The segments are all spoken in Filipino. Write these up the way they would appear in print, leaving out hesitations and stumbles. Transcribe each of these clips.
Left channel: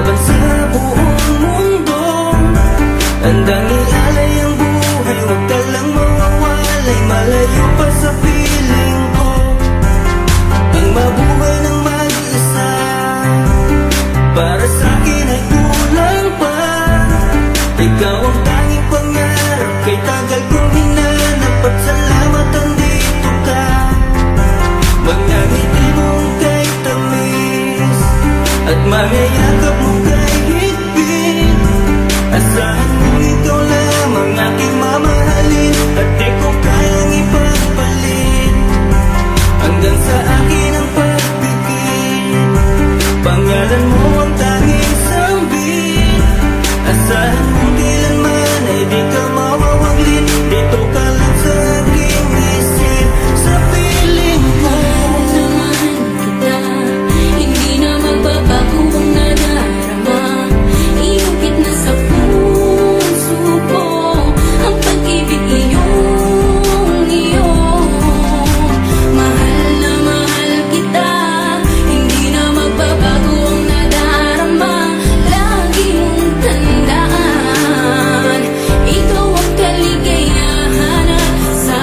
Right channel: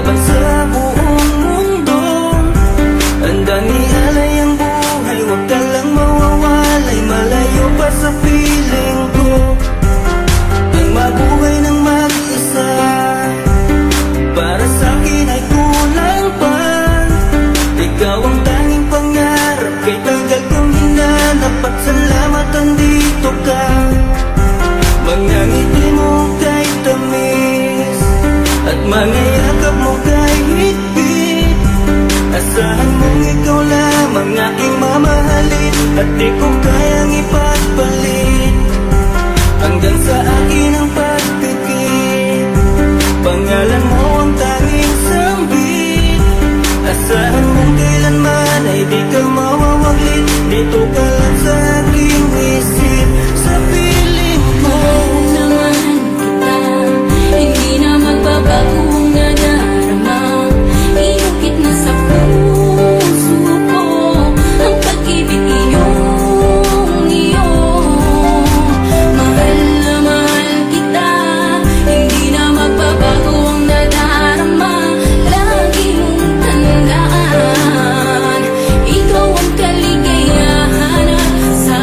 laban sa buong mundo. Handang ialay ang buhay, huwag ka lang mawawalay, malayo pa sa piling ko. Ang mabuhay ng mag-isa, para sa'kin ay kulang pa. Ikaw ang tanging pangarap, kay tagal kong hinanap, at salamat andito ka. Mga ngiti mo kay tamis, at mga yakap mo kay higpit. Asahan mong ikaw lamang aking mamahalin, at di ko kayang ipagpalit. Hanggang sa akin ang pagpikit, pangalan mo ang tanging sambit. Asahan mong kailanman ay di ka mawawaglit, dito ka lang sa aking isip, sa piling ko. Mahal kita, hindi na magbabago ang nadarama. Inukit na sa puso ko ang pag-ibig iyong iyo. Mahal na mahal kita, hindi na magbabago ang nadarama. Lagi mong tandaan, ikaw ang kaligayahan at sa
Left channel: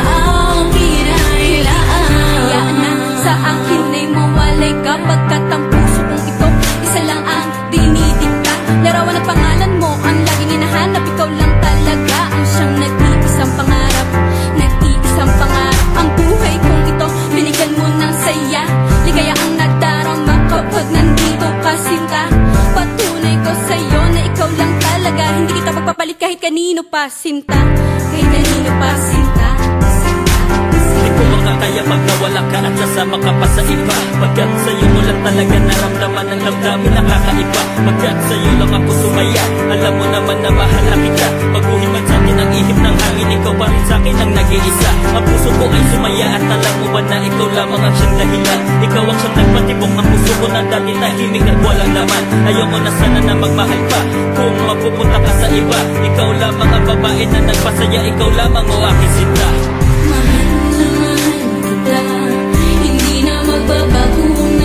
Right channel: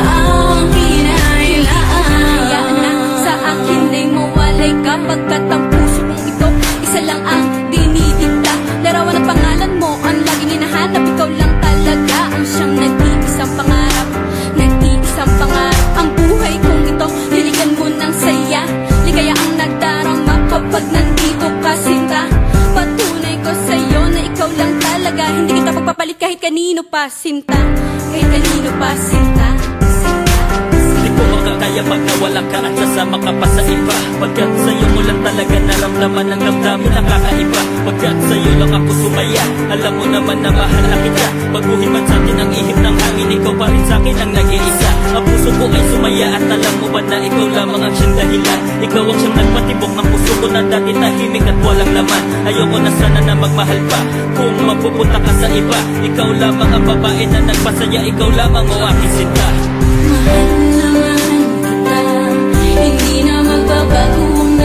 akin ay laan. Na sa akin ay mawalay kapagkat ang puso kong ito isa lang ang dinidikta. Larawan at pangalan mo ang laging hinahanap, ikaw lang talaga ang siyang nag-iisang pangarap. Nag-iisang pangarap ang buhay kong ito, binigyan mo ng saya. Ligaya ang nadarama kapag nandito ka, sinta. Patunay ko sa'yo na ikaw lang talaga, hindi kita pagpapalit kahit kanino pa, sinta. Kahit kanino pa, sinta. Di ko makakaya pag nawala ka at sasama ka pa sa iba. Pagkat sa'yo ko lang talaga naramdaman ang damdamin nakakaiba. Pagkat sa'yo lang ako sumaya, alam mo naman na mahal na kita. Baguhin man sa'tin ang ihip ng hangin, ikaw pa rin sa'kin ang nag-iisa. Ang puso ko ay sumaya at alam mo ba na ikaw lamang ang siyang dahilan. Ikaw ang siyang nagpatibok ng puso ko na dati tahimik at walang laman. Ayoko na sana na magmahal pa kung mapupunta ka sa iba. Ikaw lamang ang babae na nagpasaya, ikaw lamang o aking sinta. Mahal na mahal kita, hindi na magbabago ang